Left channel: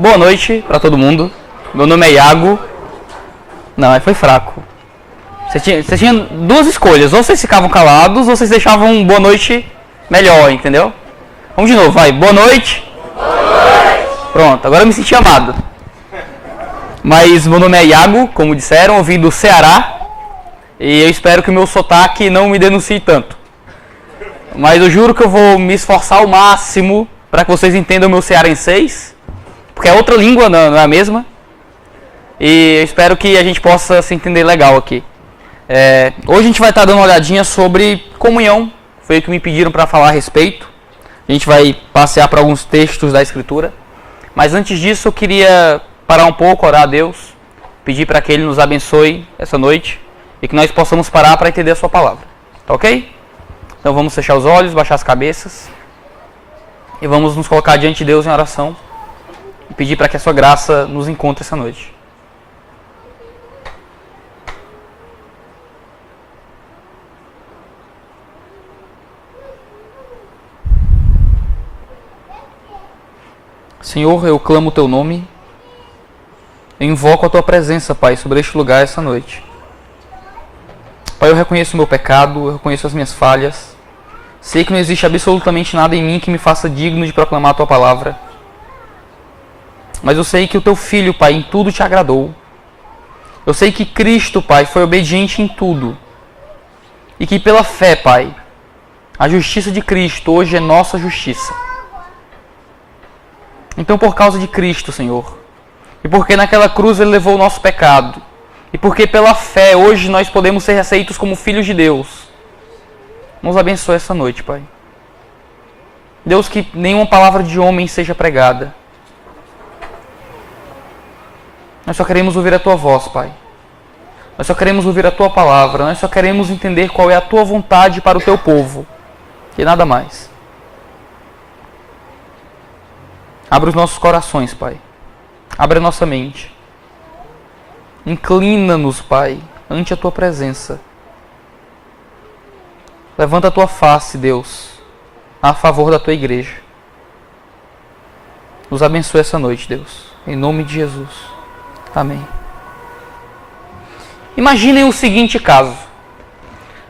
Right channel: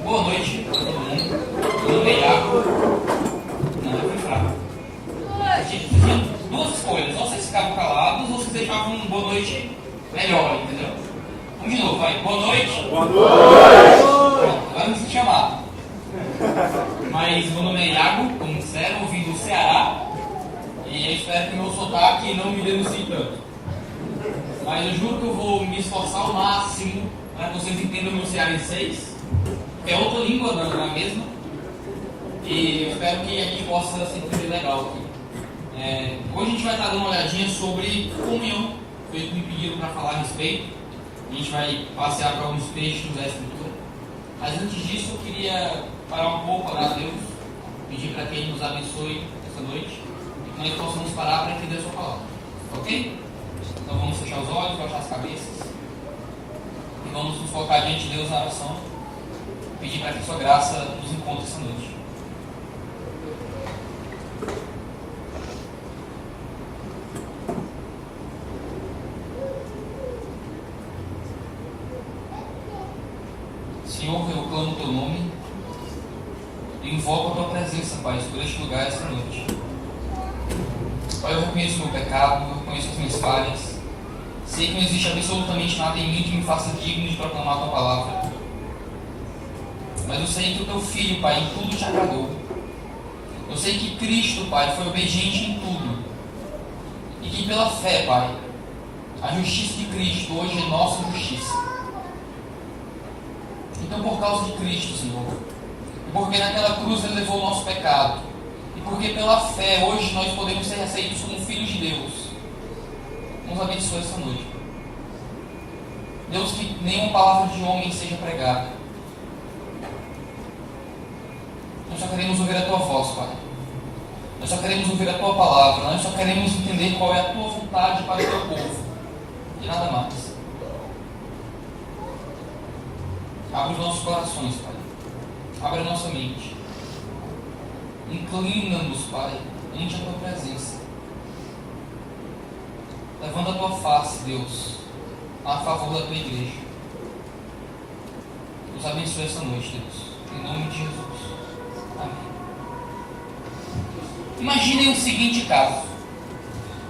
Boa noite para todo mundo. Meu nome é Iago. Não, foi fraco. Você tinha duas escolhas. Ou vocês ficavam calados, ou vocês deixavam um boa noite melhor, entendeu? Vamos de novo, vai. Boa noite. Boa noite. Pronto, agora eu me senti amado. Mas meu nome é Iago, como disseram, eu vim do Ceará. E eu espero que o meu sotaque não me denuncie tanto. Mas eu juro que eu vou me esforçar ao máximo para que vocês entendam o meu cearenseis. Porque é outra língua, não é a mesma. E eu espero que a gente possa se entender legal aqui. Hoje a gente vai estar dando uma olhadinha sobre comunhão. Foi o que me pediram para falar a respeito. A gente vai passear por alguns textos da Escritura. Mas antes disso eu queria parar um pouco, orar a Deus. Pedir para que Ele nos abençoe essa noite. E que nós possamos parar para entender a sua palavra. Tá ok? Então vamos fechar os olhos, baixar as cabeças. E vamos nos colocar diante de Deus em oração. E pedir para que a sua graça nos encontre essa noite. Senhor, eu clamo o Teu nome, eu invoco a Tua presença, Pai, sobre este lugar essa noite. Pai, eu reconheço o meu pecado, eu reconheço as minhas falhas, sei que não existe absolutamente nada em mim que me faça digno de proclamar a Tua palavra, mas eu sei que o Teu Filho, Pai, em tudo Te agradou. Eu sei que Cristo, Pai, foi obediente em tudo, e que pela fé, Pai, a justiça de Cristo hoje é nossa justiça. Então, por causa de Cristo, Senhor, e porque naquela cruz Ele levou o nosso pecado, e porque pela fé hoje nós podemos ser aceitos como filhos de Deus, nos abençoe essa noite, Pai. Deus, que nenhuma palavra de homem seja pregada. Nós só queremos ouvir a Tua voz, Pai. Nós só queremos ouvir a Tua palavra. Nós só queremos entender qual é a Tua vontade para o Teu povo, e nada mais. Abra os nossos corações, Pai. Abra a nossa mente. Inclina-nos, Pai, ante a Tua presença. Levanta a Tua face, Deus, a favor da Tua igreja. Nos abençoe essa noite, Deus. Em nome de Jesus. Amém. Imaginem o seguinte caso.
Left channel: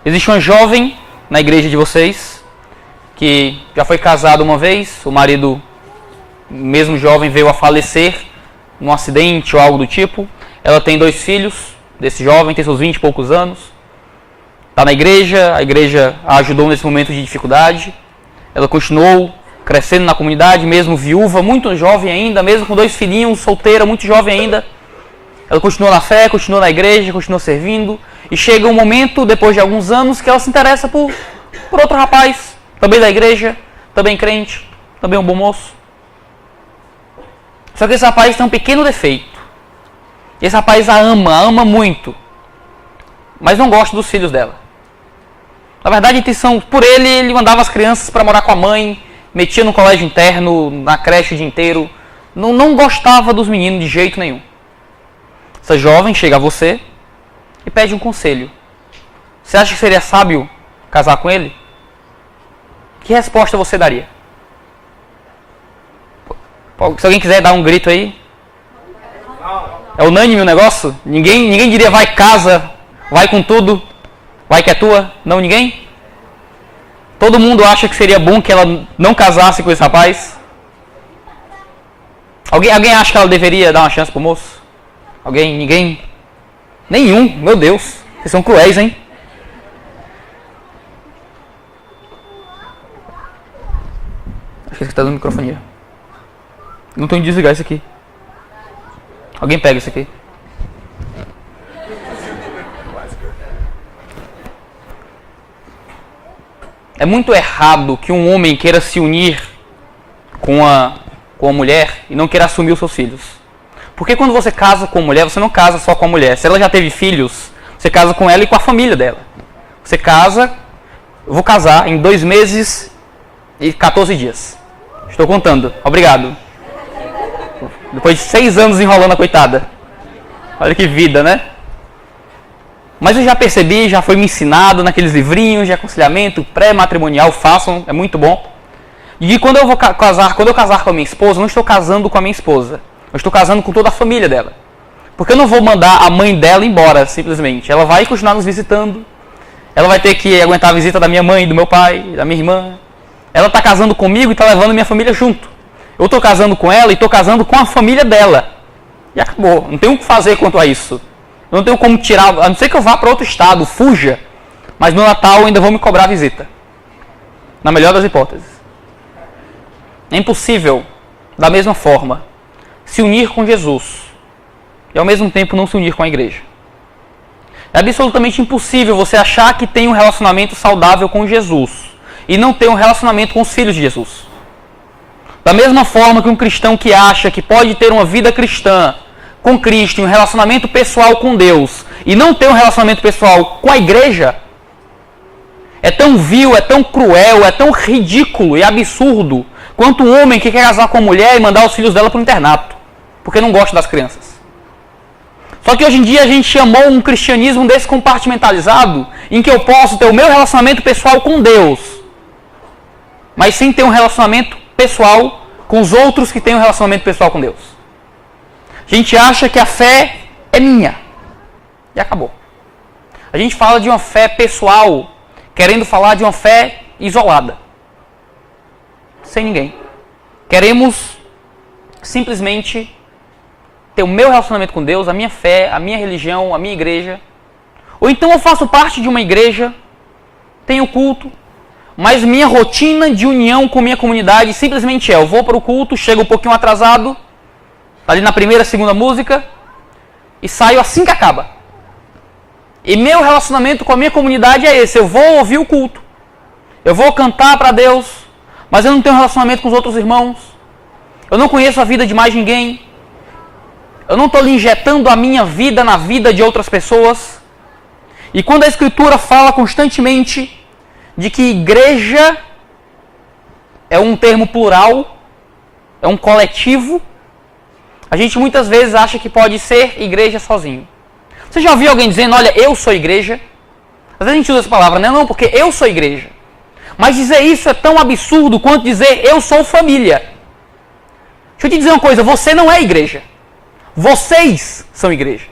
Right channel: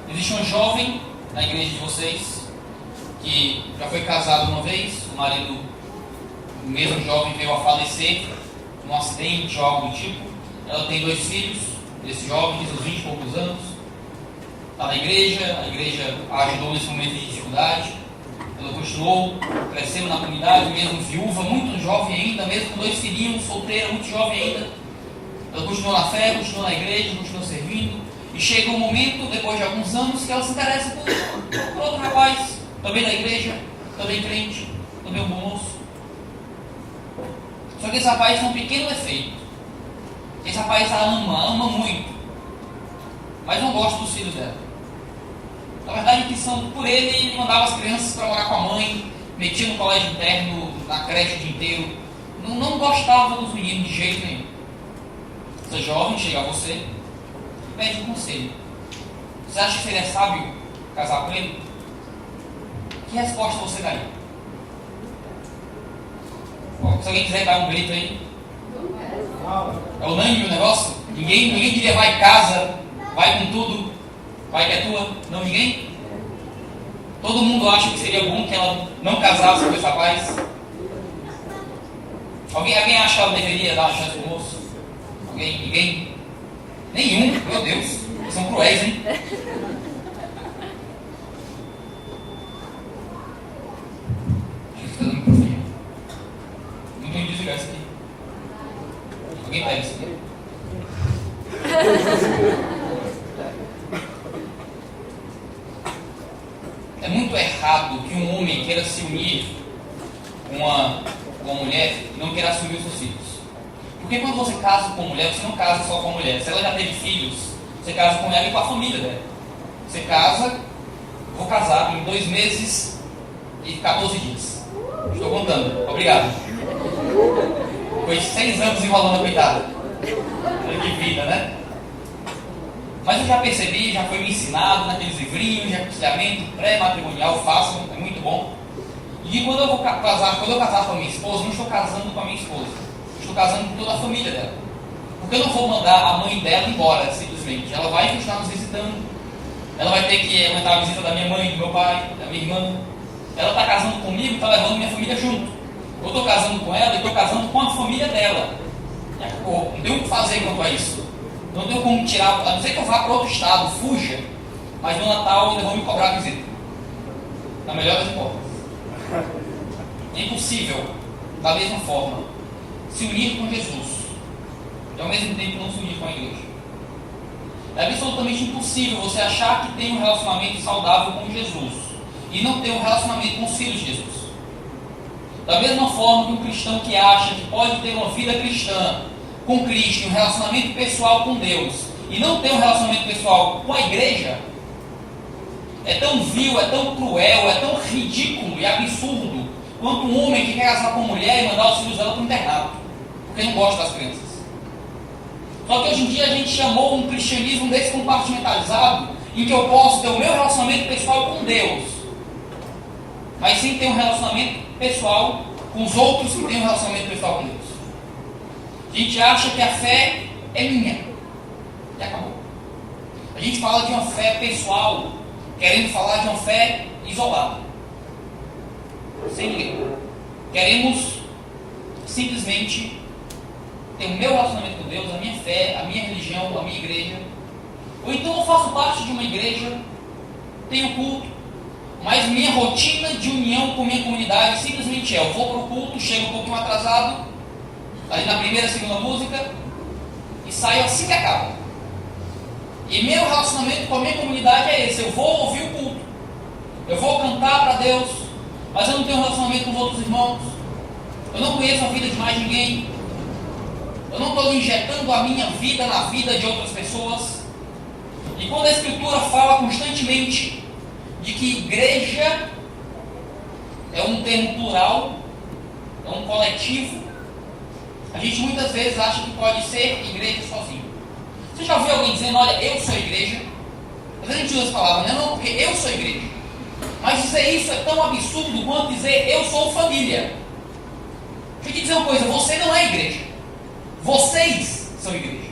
Existe uma jovem na igreja de vocês que já foi casada uma vez, o marido, mesmo jovem, veio a falecer num acidente ou algo do tipo. Ela tem 2 filhos, desse jovem, tem seus 20 e poucos anos. Está na igreja, a igreja a ajudou nesse momento de dificuldade. Ela continuou crescendo na comunidade, mesmo viúva, muito jovem ainda, mesmo com 2 filhinhos, solteira, muito jovem ainda. Ela continuou na fé, continuou na igreja, continuou servindo. E chega um momento, depois de alguns anos, que ela se interessa por outro rapaz, também da igreja, também crente, também um bom moço. Só que esse rapaz tem um pequeno defeito. Esse rapaz a ama muito, mas não gosta dos filhos dela. Na verdade, a intenção, por ele mandava as crianças para morar com a mãe, metia no colégio interno, na creche o dia inteiro. Não gostava dos meninos de jeito nenhum. Essa jovem chega a você e pede um conselho. Você acha que seria sábio casar com ele? Que resposta você daria? Se alguém quiser dar um grito aí. É unânime o negócio? Ninguém diria vai casa, vai com tudo, vai que é tua? Não, ninguém? Todo mundo acha que seria bom que ela não casasse com esse rapaz? Alguém acha que ela deveria dar uma chance pro moço? Alguém? Ninguém? Nenhum, meu Deus. Vocês são cruéis, hein? Acho que você está dando microfonia. Não tenho que desligar isso aqui. Alguém pega isso aqui. É muito errado que um homem queira se unir com a mulher e não queira assumir os seus filhos. Porque quando você casa com a mulher, você não casa só com a mulher. Se ela já teve filhos, você casa com ela e com a família dela. Você casa, eu vou casar em 2 meses e 14 dias. Estou contando. Obrigado. Depois de 6 anos enrolando a coitada. Olha que vida, né? Mas eu já percebi, já foi me ensinado naqueles livrinhos de aconselhamento pré-matrimonial, façam, é muito bom. E quando eu casar com a minha esposa, eu não estou casando com a minha esposa. Eu estou casando com toda a família dela. Porque eu não vou mandar a mãe dela embora, simplesmente. Ela vai continuar nos visitando. Ela vai ter que aguentar a visita da minha mãe, do meu pai, da minha irmã. Ela está casando comigo e está levando minha família junto. Eu estou casando com ela e estou casando com a família dela. E acabou. Não tenho o que fazer quanto a isso. Eu não tenho como tirar, a não ser que eu vá para outro estado, fuja. Mas no Natal ainda vão me cobrar a visita. Na melhor das hipóteses. É impossível, da mesma forma, se unir com Jesus e ao mesmo tempo não se unir com a igreja. É absolutamente impossível você achar que tem um relacionamento saudável com Jesus e não ter um relacionamento com os filhos de Jesus. Da mesma forma que um cristão que acha que pode ter uma vida cristã com Cristo, um relacionamento pessoal com Deus e não ter um relacionamento pessoal com a igreja, é tão vil, é tão cruel, é tão ridículo e absurdo quanto um homem que quer casar com a mulher e mandar os filhos dela para o internato, porque não gosta das crianças. Só que hoje em dia a gente chamou um cristianismo desse compartimentalizado, em que eu posso ter o meu relacionamento pessoal com Deus, mas sem ter um relacionamento pessoal com os outros que têm um relacionamento pessoal com Deus. A gente acha que a fé é minha. E acabou. A gente fala de uma fé pessoal, querendo falar de uma fé isolada. Sem ninguém. Queremos simplesmente ter o meu relacionamento com Deus, a minha fé, a minha religião, a minha igreja. Ou então eu faço parte de uma igreja, tenho culto, mas minha rotina de união com minha comunidade simplesmente é: eu vou para o culto, chego um pouquinho atrasado, ali na primeira, segunda música, e saio assim que acaba. E meu relacionamento com a minha comunidade é esse: eu vou ouvir o culto, eu vou cantar para Deus, mas eu não tenho relacionamento com os outros irmãos, eu não conheço a vida de mais ninguém, eu não estou injetando a minha vida na vida de outras pessoas. E quando a Escritura fala constantemente de que igreja é um termo plural, é um coletivo, a gente muitas vezes acha que pode ser igreja sozinho. Você já ouviu alguém dizendo: olha, eu sou igreja? Às vezes a gente usa essa palavra, né? Não, porque eu sou igreja. Mas dizer isso é tão absurdo quanto dizer eu sou família. Deixa eu te dizer uma coisa: você não é igreja. Vocês são igreja.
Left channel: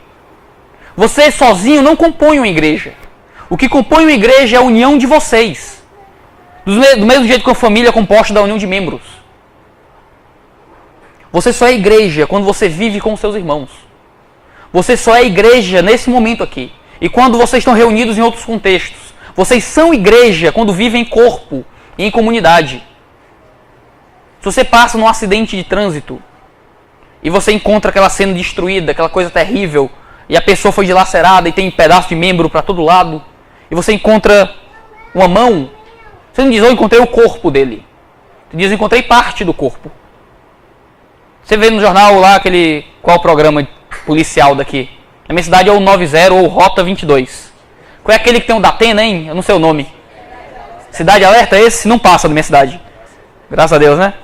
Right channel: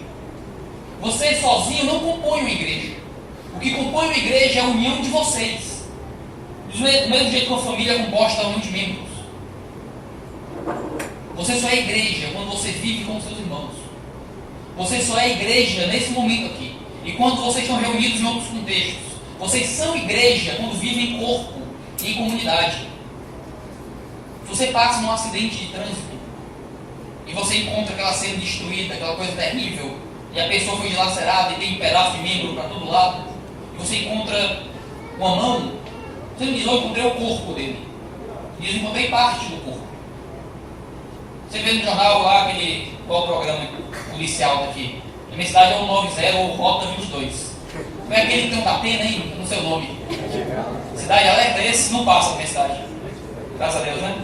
Você sozinho não compõe uma igreja. O que compõe uma igreja é a união de vocês. Do mesmo jeito que uma família é composta da união de membros. Você só é igreja quando você vive com os seus irmãos. Você só é igreja nesse momento aqui. E quando vocês estão reunidos em outros contextos. Vocês são igreja quando vivem em corpo, em comunidade. Se você passa num acidente de trânsito e você encontra aquela cena destruída, aquela coisa terrível, e a pessoa foi dilacerada e tem um pedaço de membro para todo lado, e você encontra uma mão, você não diz: eu encontrei o corpo dele. Você diz: eu encontrei parte do corpo. Você vê no jornal lá qual o programa policial daqui? Na minha cidade é o 90 ou Rota 22. Qual é aquele que tem um Datena, hein? Eu não sei o nome. Cidade Alerta, esse não passa na minha cidade. Graças a Deus, né?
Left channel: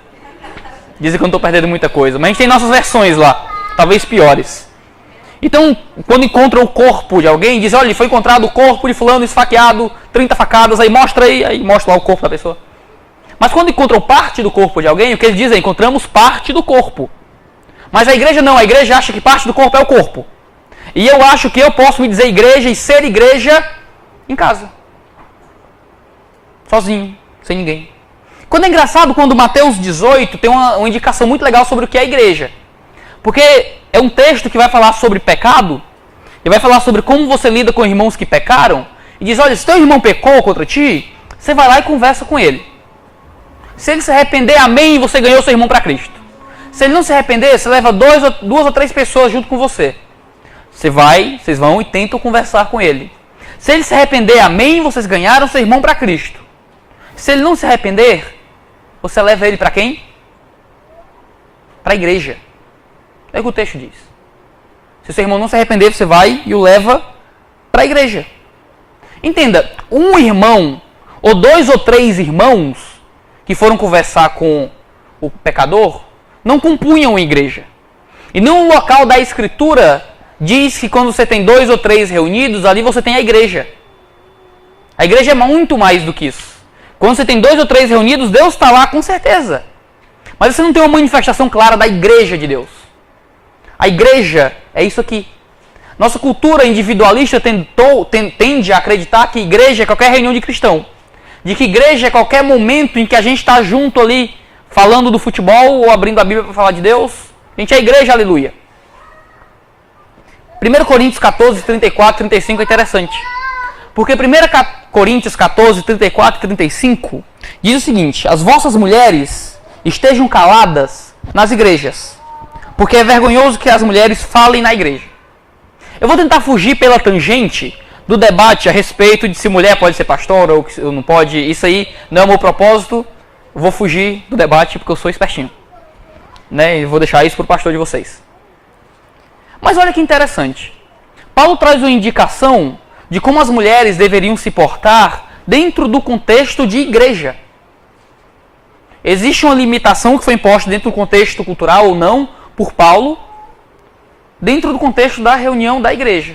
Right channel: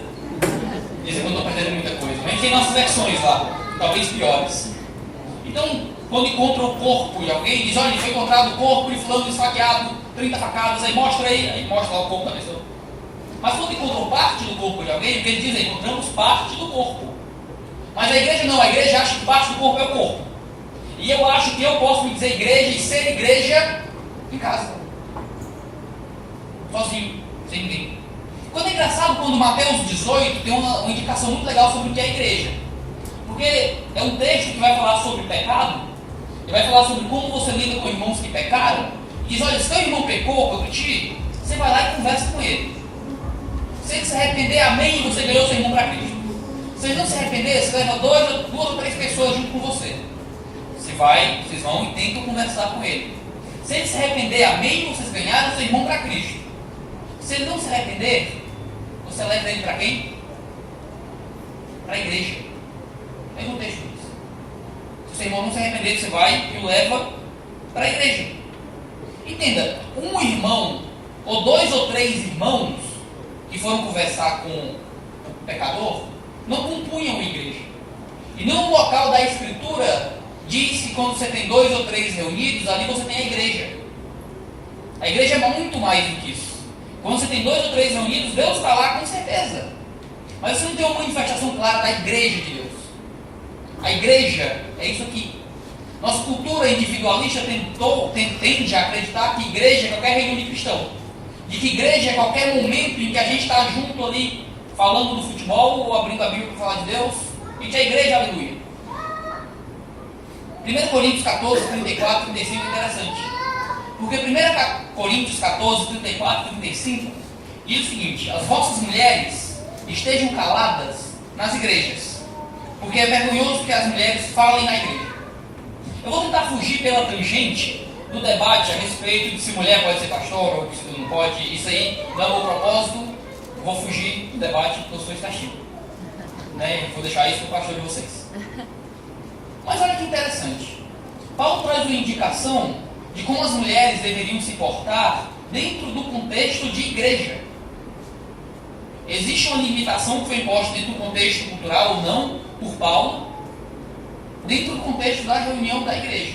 Dizem que eu não estou perdendo muita coisa. Mas a gente tem nossas versões lá, talvez piores. Então, quando encontra o corpo de alguém, diz: olha, foi encontrado o corpo de fulano esfaqueado, 30 facadas, aí mostra lá o corpo da pessoa. Mas quando encontram parte do corpo de alguém, o que eles dizem? Encontramos parte do corpo. Mas a igreja não, a igreja acha que parte do corpo é o corpo. E eu acho que eu posso me dizer igreja e ser igreja em casa. Sozinho, sem ninguém. Quando é engraçado, quando Mateus 18 tem uma indicação muito legal sobre o que é a igreja. Porque é um texto que vai falar sobre pecado, e vai falar sobre como você lida com irmãos que pecaram, e diz: olha, se teu irmão pecou contra ti, você vai lá e conversa com ele. Se ele se arrepender, amém, você ganhou seu irmão para Cristo. Se ele não se arrepender, você leva duas ou três pessoas junto com você. Vocês vão e tentam conversar com ele. Se ele se arrepender, amém, vocês ganharam seu irmão para Cristo. Se ele não se arrepender, você leva ele para quem? Para a igreja. É o que o texto diz. Se o seu irmão não se arrepender, você vai e o leva para a igreja. Entenda, um irmão, ou 2 ou 3 irmãos, que foram conversar com o pecador, não compunham a igreja. E num local da Escritura, diz que quando você tem 2 ou 3 reunidos, ali você tem a igreja. A igreja é muito mais do que isso. Quando você tem 2 ou 3 reunidos, Deus está lá com certeza. Mas você não tem uma manifestação clara da igreja de Deus. A igreja é isso aqui. Nossa cultura individualista tende a acreditar que igreja é qualquer reunião de cristão. De que igreja é qualquer momento em que a gente está junto ali, falando do futebol ou abrindo a Bíblia para falar de Deus. A gente é igreja, aleluia. 1 Coríntios 14, 34 e 35 é interessante. Porque 1 Coríntios 14, 34 e 35 diz o seguinte: as vossas mulheres estejam caladas nas igrejas, porque é vergonhoso que as mulheres falem na igreja. Eu vou tentar fugir pela tangente do debate a respeito de se mulher pode ser pastora ou não pode. Isso aí não é o meu propósito. Eu vou fugir do debate porque eu sou espertinho, né? E vou deixar isso para o pastor de vocês. Mas olha que interessante. Paulo traz uma indicação de como as mulheres deveriam se portar dentro do contexto de igreja. Existe uma limitação que foi imposta dentro do contexto cultural ou não por Paulo, dentro do contexto da reunião da igreja.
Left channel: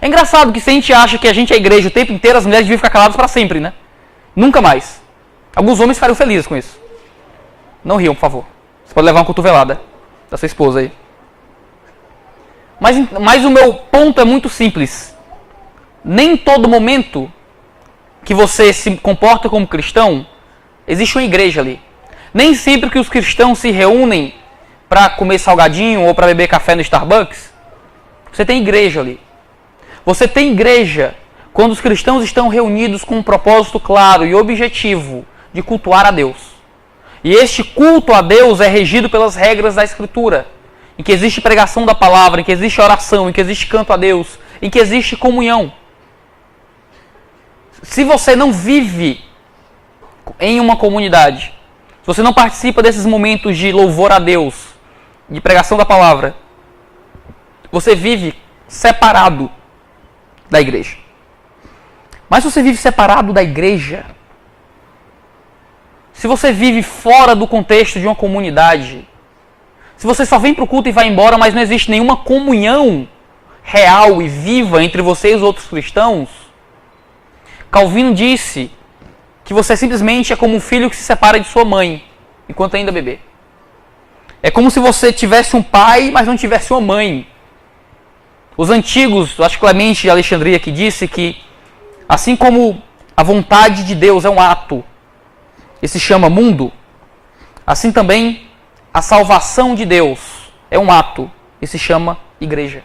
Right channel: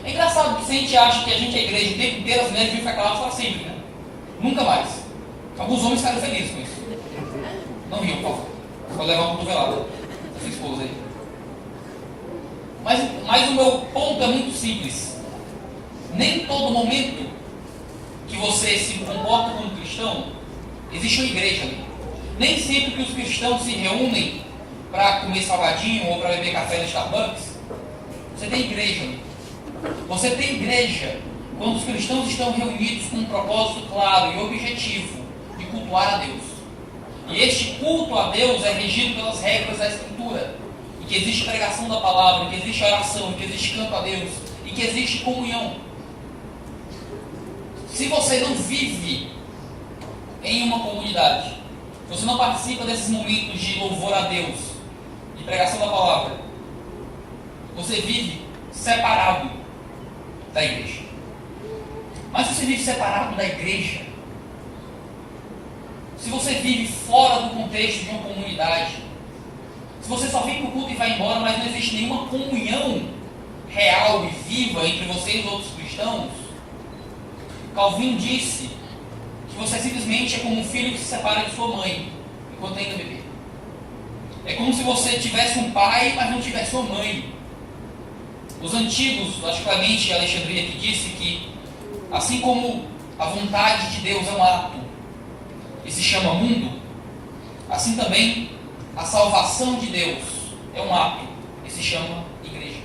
É engraçado que se a gente acha que a gente é igreja o tempo inteiro, as mulheres deviam ficar caladas para sempre, né? Nunca mais. Alguns homens ficariam felizes com isso. Não riam, por favor. Você pode levar uma cotovelada da sua esposa aí. Mas o meu ponto é muito simples. Nem todo momento que você se comporta como cristão, existe uma igreja ali. Nem sempre que os cristãos se reúnem para comer salgadinho ou para beber café no Starbucks, você tem igreja ali. Você tem igreja quando os cristãos estão reunidos com um propósito claro e objetivo de cultuar a Deus. E este culto a Deus é regido pelas regras da Escritura, em que existe pregação da palavra, em que existe oração, em que existe canto a Deus, em que existe comunhão. Se você não vive em uma comunidade, se você não participa desses momentos de louvor a Deus, de pregação da palavra, você vive separado da igreja. Mas se você vive separado da igreja, se você vive fora do contexto de uma comunidade, se você só vem para o culto e vai embora, mas não existe nenhuma comunhão real e viva entre você e os outros cristãos, Calvino disse que você simplesmente é como um filho que se separa de sua mãe, enquanto ainda bebê. É como se você tivesse um pai, mas não tivesse uma mãe. Os antigos, acho que Clemente de Alexandria que disse que, assim como a vontade de Deus é um ato, e se chama mundo, assim também a salvação de Deus é um ato, e se chama igreja.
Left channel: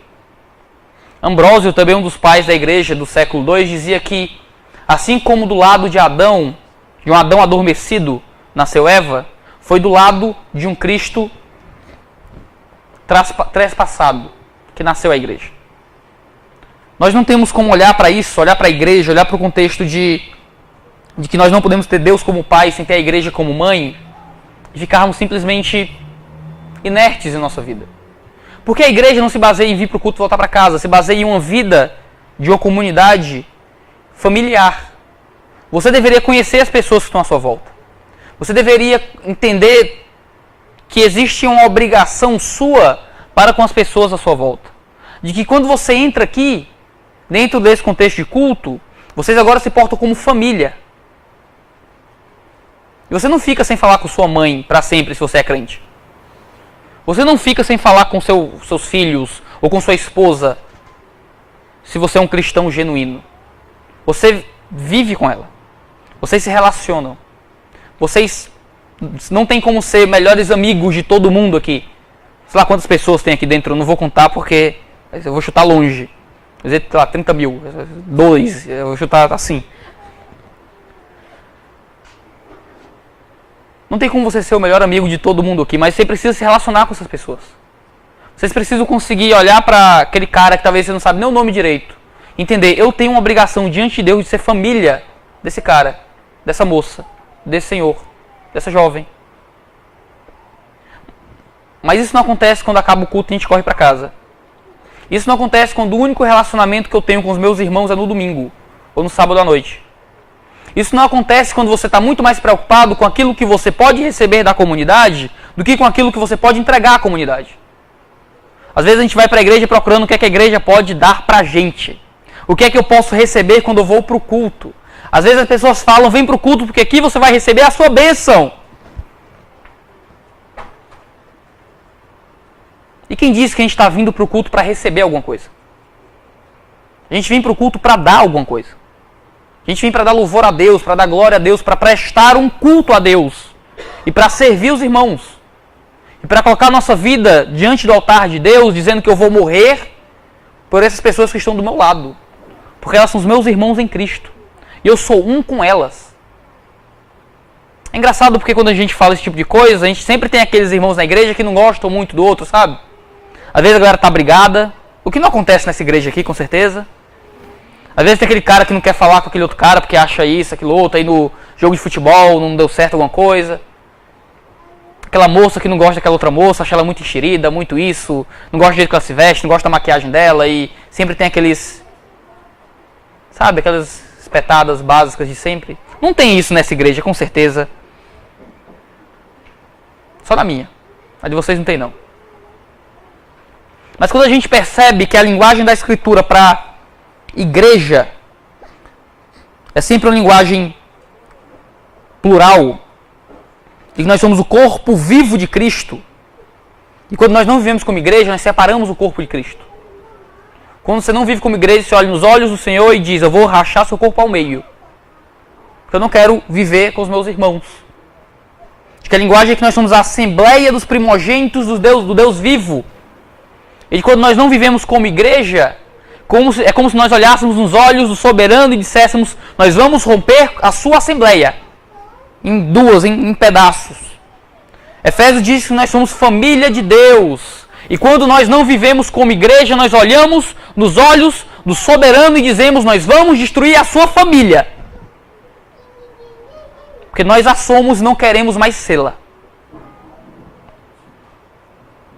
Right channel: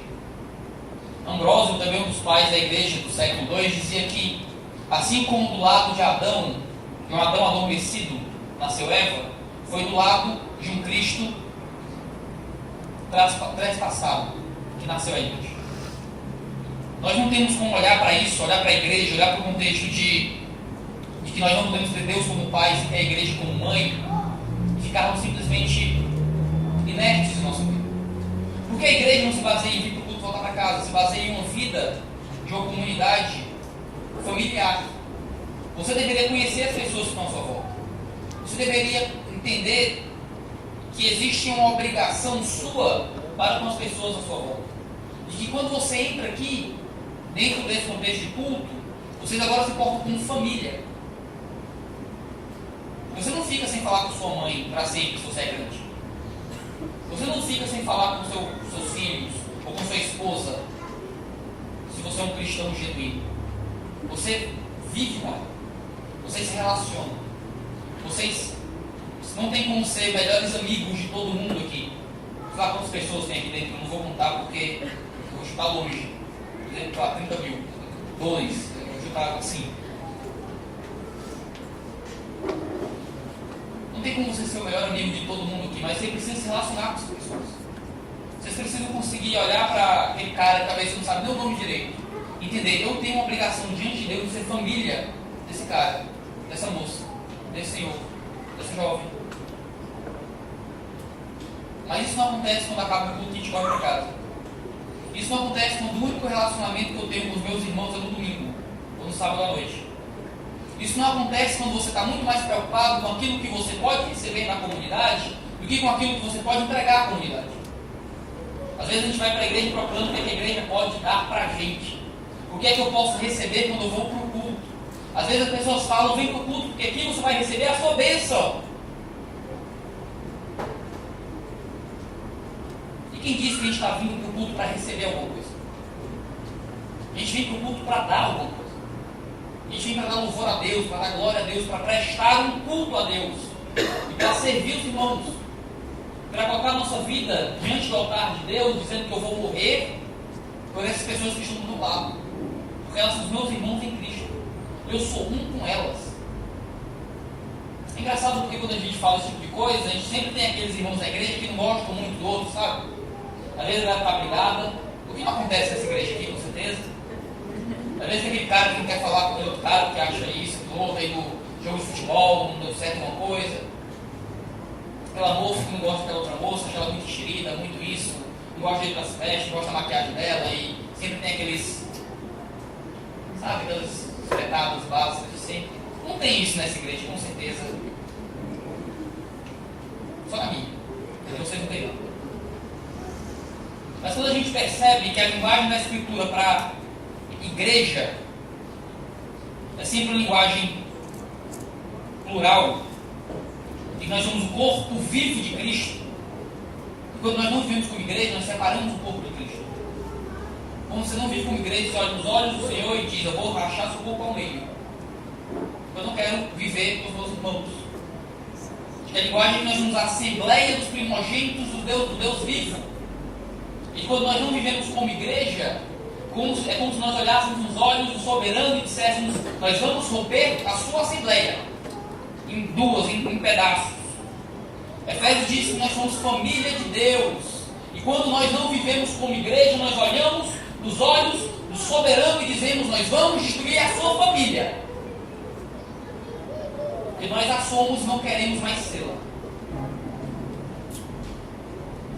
Ambrósio, também um dos pais da igreja do século II, dizia que, assim como do lado de Adão, de um Adão adormecido, nasceu Eva, foi do lado de um Cristo trespassado que nasceu a igreja. Nós não temos como olhar para isso, olhar para a igreja, olhar para o contexto de que nós não podemos ter Deus como pai sem ter a igreja como mãe, e ficarmos simplesmente inertes em nossa vida. Porque a igreja não se baseia em vir para o culto e voltar para casa, se baseia em uma vida de uma comunidade familiar. Você deveria conhecer as pessoas que estão à sua volta. Você deveria entender que existe uma obrigação sua para com as pessoas à sua volta. De que quando você entra aqui, dentro desse contexto de culto, vocês agora se portam como família. E você não fica sem falar com sua mãe para sempre se você é crente. Você não fica sem falar com seus filhos ou com sua esposa se você é um cristão genuíno. Você vive com ela. Vocês se relacionam. Vocês não tem como ser melhores amigos de todo mundo aqui. Sei lá quantas pessoas tem aqui dentro, eu não vou contar porque eu vou chutar longe. Quer dizer, sei lá, 30 mil, 2, eu vou chutar assim. Não tem como você ser o melhor amigo de todo mundo aqui, mas você precisa se relacionar com essas pessoas. Vocês precisam conseguir olhar para aquele cara que talvez você não sabe nem o nome direito. Entender, eu tenho uma obrigação diante de Deus de ser família desse cara, dessa moça, desse senhor, dessa jovem. Mas isso não acontece quando acaba o culto e a gente corre para casa. Isso não acontece quando o único relacionamento que eu tenho com os meus irmãos é no domingo ou no sábado à noite. Isso não acontece quando você está muito mais preocupado com aquilo que você pode receber da comunidade do que com aquilo que você pode entregar à comunidade. Às vezes a gente vai para a igreja procurando o que é que a igreja pode dar para a gente. O que é que eu posso receber quando eu vou para o culto. Às vezes as pessoas falam, vem para o culto porque aqui você vai receber a sua bênção. E quem disse que a gente está vindo para o culto para receber alguma coisa? A gente vem para o culto para dar alguma coisa. A gente vem para dar louvor a Deus, para dar glória a Deus, para prestar um culto a Deus. E para servir os irmãos. E para colocar a nossa vida diante do altar de Deus, dizendo que eu vou morrer por essas pessoas que estão do meu lado. Porque elas são os meus irmãos em Cristo. E eu sou um com elas. É engraçado porque quando a gente fala esse tipo de coisa, a gente sempre tem aqueles irmãos na igreja que não gostam muito do outro, sabe? Às vezes a galera tá brigada. O que não acontece nessa igreja aqui, com certeza. Às vezes tem aquele cara que não quer falar com aquele outro cara porque acha isso, aquilo outro. Aí no jogo de futebol não deu certo alguma coisa. Aquela moça que não gosta daquela outra moça, acha ela muito enxerida, muito isso. Não gosta do jeito que ela se veste, não gosta da maquiagem dela. E sempre tem aqueles... Sabe, aquelas espetadas básicas de sempre. Não tem isso nessa igreja, com certeza. Só na minha. A de vocês não tem, não. Mas quando a gente percebe que a linguagem da Escritura para igreja é sempre uma linguagem plural, e que nós somos o corpo vivo de Cristo, e quando nós não vivemos como igreja, nós separamos o corpo de Cristo. Quando você não vive como igreja, você olha nos olhos do Senhor e diz: eu vou rachar seu corpo ao meio, porque eu não quero viver com os meus irmãos. Que a linguagem é que nós somos a assembleia dos primogênitos do Deus vivo. E quando nós não vivemos como igreja, é como se nós olhássemos nos olhos do soberano e disséssemos: nós vamos romper a sua assembleia em duas, em pedaços. Efésios diz que nós somos família de Deus. E quando nós não vivemos como igreja, nós olhamos nos olhos do soberano e dizemos: nós vamos destruir a sua família. Porque nós a somos e não queremos mais sê-la.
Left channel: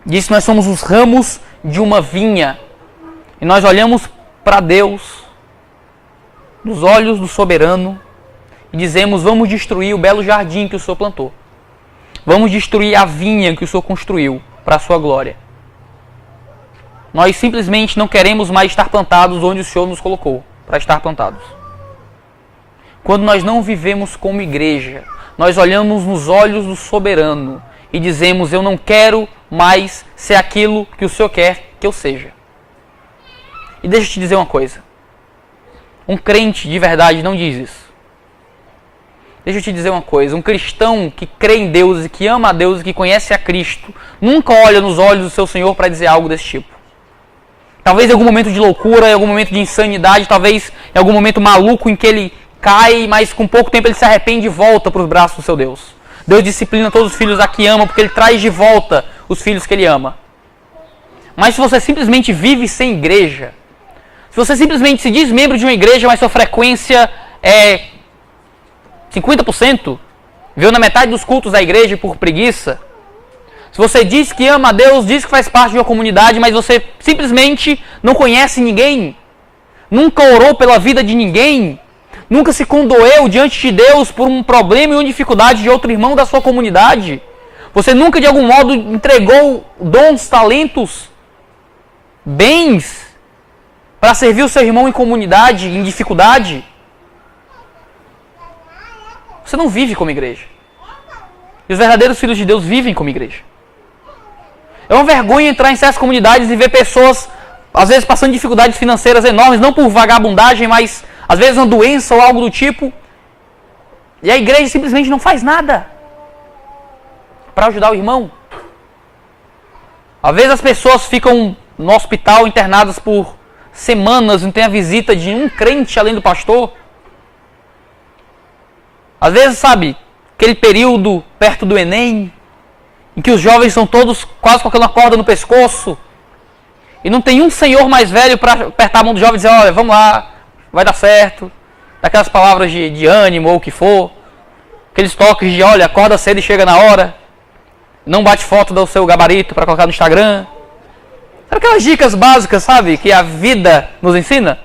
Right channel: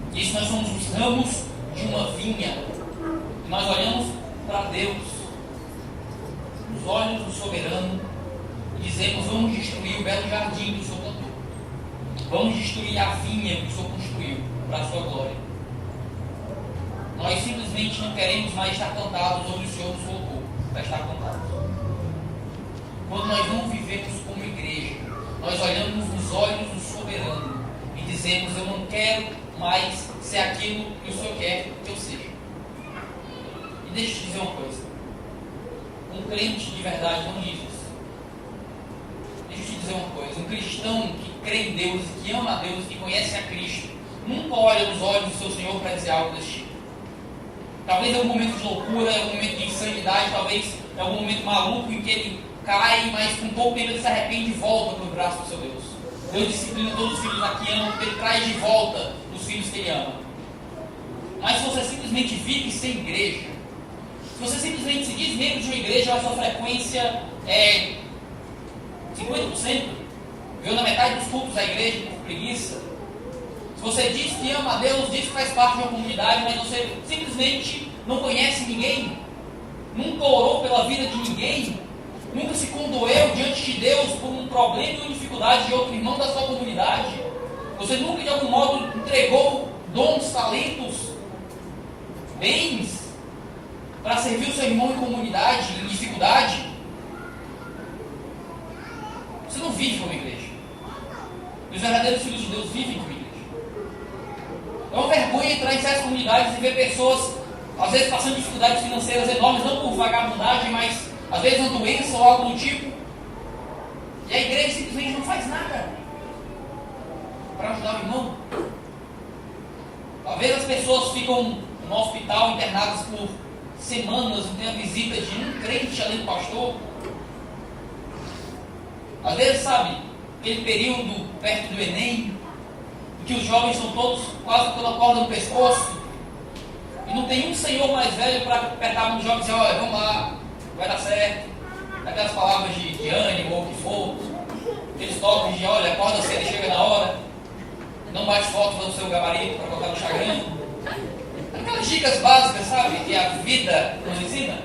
Diz que nós somos os ramos de uma vinha. E nós olhamos para Deus, nos olhos do soberano, e dizemos: vamos destruir o belo jardim que o Senhor plantou. Vamos destruir a vinha que o Senhor construiu para a sua glória. Nós simplesmente não queremos mais estar plantados onde o Senhor nos colocou para estar plantados. Quando nós não vivemos como igreja, nós olhamos nos olhos do soberano e dizemos: eu não quero mais ser aquilo que o Senhor quer que eu seja. E deixa eu te dizer uma coisa. Um crente de verdade não diz isso. Deixa eu te dizer uma coisa. Um cristão que crê em Deus e que ama a Deus e que conhece a Cristo nunca olha nos olhos do seu Senhor para dizer algo desse tipo. Talvez em algum momento de loucura, em algum momento de insanidade, talvez em algum momento maluco em que ele cai, mas com pouco tempo ele se arrepende e volta para os braços do seu Deus. Deus disciplina todos os filhos a que ama, porque Ele traz de volta os filhos que Ele ama. Mas se você simplesmente vive sem igreja, se você simplesmente se diz membro de uma igreja, mas sua frequência é 50%, veio na metade dos cultos da igreja por preguiça, se você diz que ama a Deus, diz que faz parte de uma comunidade, mas você simplesmente não conhece ninguém, nunca orou pela vida de ninguém, nunca se condoeu diante de Deus por um problema ou uma dificuldade de outro irmão da sua comunidade. Você nunca de algum modo entregou dons, talentos, bens para servir o seu irmão em comunidade, em dificuldade. Você não vive como igreja. E os verdadeiros filhos de Deus vivem como igreja. É uma vergonha entrar em certas comunidades e ver pessoas, às vezes, passando dificuldades financeiras enormes, não por vagabundagem, mas às vezes uma doença ou algo do tipo, e a igreja simplesmente não faz nada para ajudar o irmão. Às vezes as pessoas ficam no hospital internadas por semanas, não tem a visita de um crente além do pastor. Às vezes, sabe, aquele período perto do Enem, em que os jovens são todos quase com aquela corda no pescoço, e não tem um senhor mais velho para apertar a mão do jovem e dizer: olha, vamos lá, vai dar certo, daquelas palavras de ânimo ou o que for, aqueles toques de: olha, acorda cedo e chega na hora, não bate foto do seu gabarito para colocar no Instagram. Aquelas dicas básicas, sabe, que a vida nos ensina.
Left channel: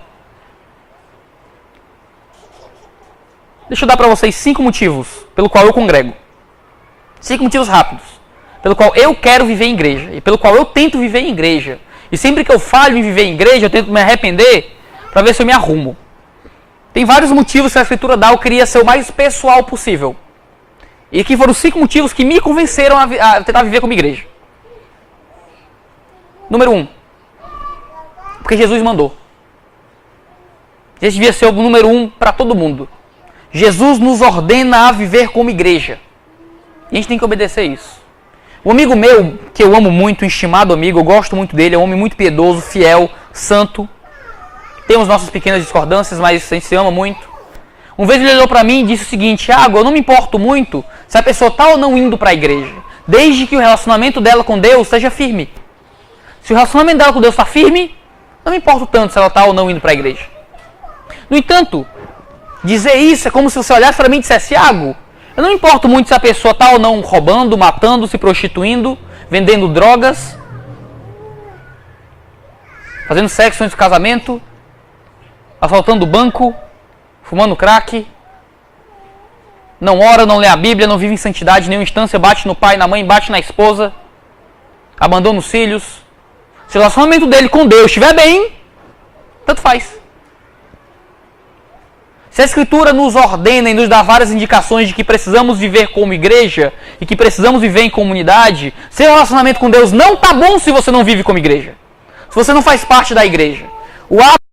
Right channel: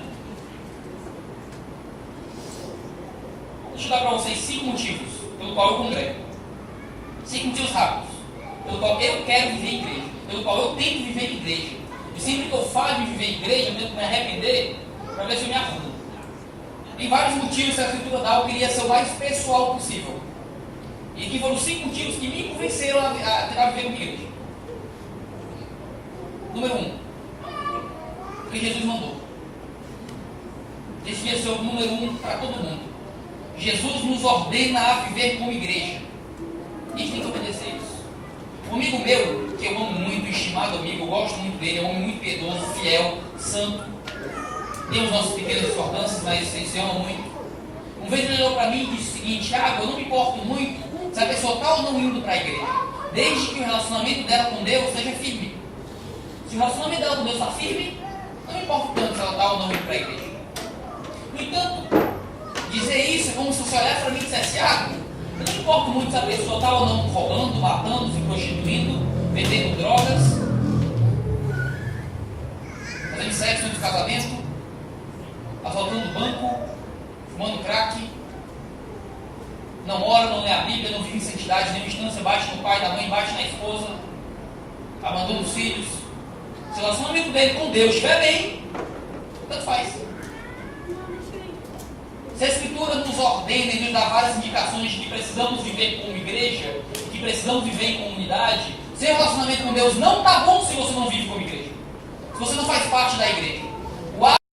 Deixa eu dar para vocês 5 motivos pelo qual eu congrego. 5 motivos rápidos pelo qual eu quero viver em igreja e pelo qual eu tento viver em igreja. E sempre que eu falho em viver em igreja, eu tento me arrepender para ver se eu me arrumo. Tem vários motivos que a Escritura dá, eu queria ser o mais pessoal possível. E que foram 5 motivos que me convenceram a tentar viver como igreja. Número 1. Porque Jesus mandou. Esse devia ser o número 1 para todo mundo. Jesus nos ordena a viver como igreja. E a gente tem que obedecer isso. Um amigo meu, que eu amo muito, um estimado amigo, eu gosto muito dele, é um homem muito piedoso, fiel, santo. Temos nossas pequenas discordâncias, mas a gente se ama muito. Uma vez ele olhou para mim e disse o seguinte: Thiago, eu não me importo muito se a pessoa está ou não indo para a igreja, desde que o relacionamento dela com Deus seja firme. Se o relacionamento dela com Deus está firme, não me importo tanto se ela está ou não indo para a igreja. No entanto, dizer isso é como se você olhasse para mim e dissesse: Thiago, eu não me importo muito se a pessoa está ou não roubando, matando, se prostituindo, vendendo drogas, fazendo sexo antes do casamento, assaltando banco, fumando crack, não ora, não lê a Bíblia, não vive em santidade em nenhuma instância, bate no pai, na mãe, bate na esposa, abandona os filhos. Se o relacionamento dele com Deus estiver bem, tanto faz. Se a Escritura nos ordena e nos dá várias indicações de que precisamos viver como igreja e que precisamos viver em comunidade, seu relacionamento com Deus não está bom se você não vive como igreja. Se você não faz parte da igreja. O ato